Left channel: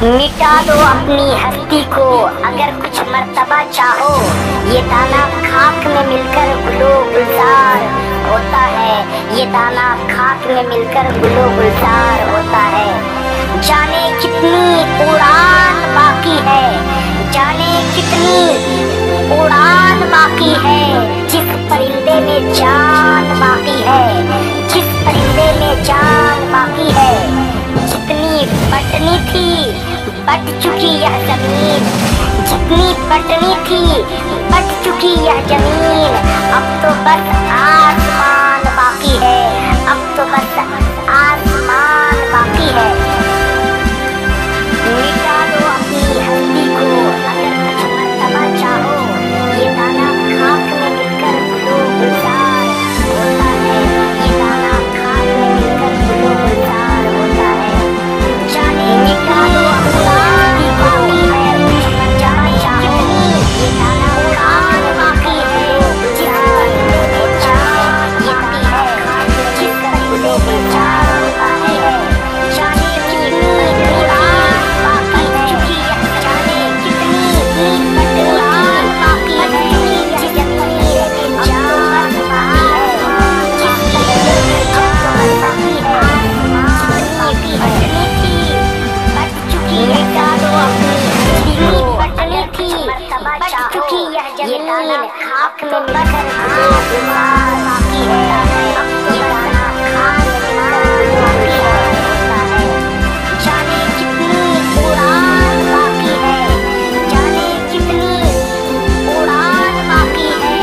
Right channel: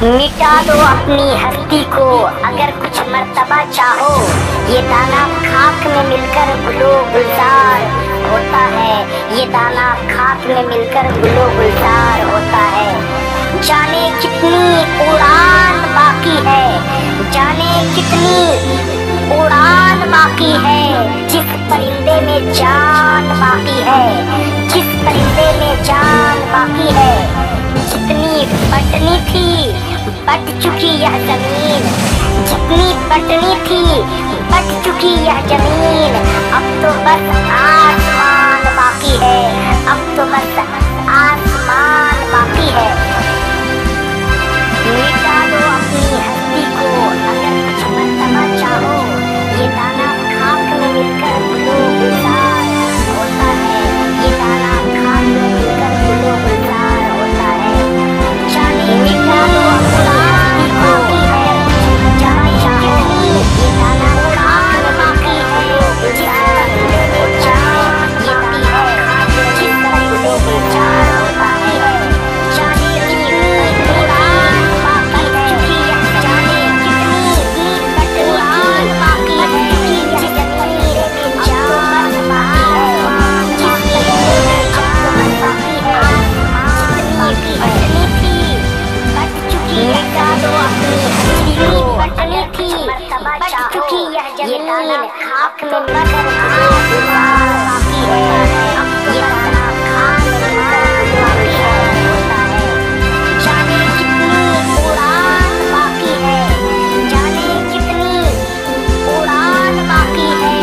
मिटा दो अपनी हस्ती को अगर कुछ मर्तबा चाहो। ये दाना खाक में मिलकर गुलो गुलजार होता है। ये दाना खाक में मिलकर गुलो गुलजार होता है। जाने कितनी उड़ान बाकी है, जाने कितनी उड़ान बाकी है। जिस परिंदे में जान बाकी है, जिस परिंदे में जान बाकी है। जितनी बटनी थी बट चुकी यह जमीन, जितनी बटनी थी बट चुकी यह जमीन। अब तो बस आसमान बाकी है, अब तो बस आसमान बाकी है। मिटा दो अपनी हस्ती को अगर कुछ मर्तबा चाहो। ये दाना खाक में मिलकर गुलो गुलजार होता है। ये दाना खाक में मिलकर गुलो गुलजार होता है। जाने मिटा दो अपनी हस्ती को अगर कुछ मर्तबा चाहो। ये दाना खाक में बाकी है, जिस परिंदे में जान बाकी है, जिस गुलो गुलजार होता है। जाने कितनी उड़ान बाकी है, जाने कितनी उड़ान बाकी है। जिस जमीन में जान बाकी है, जिस परिंदे में जान बाकी है। जितनी बटनी थी बट चुकी यह जितनी बटनी थी बट चुकी यह जमीन। खाक में मिलकर गुलो गुलजार बाकी है। ये दाना खाक में मिलकर गुलो गुलजार होता है। जाने कितनी उड़ान बाकी है, जाने कितनी उड़ान बाकी है।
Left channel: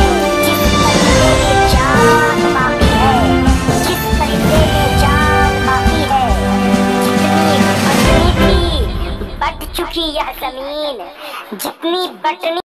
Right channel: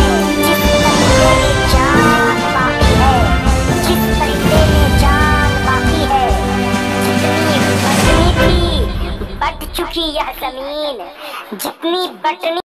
जिस परिंदे में जान बाकी है, जिस परिंदे में जान बाकी है। जितनी बटनी थी बट चुकी यह जमीन, जितनी बटनी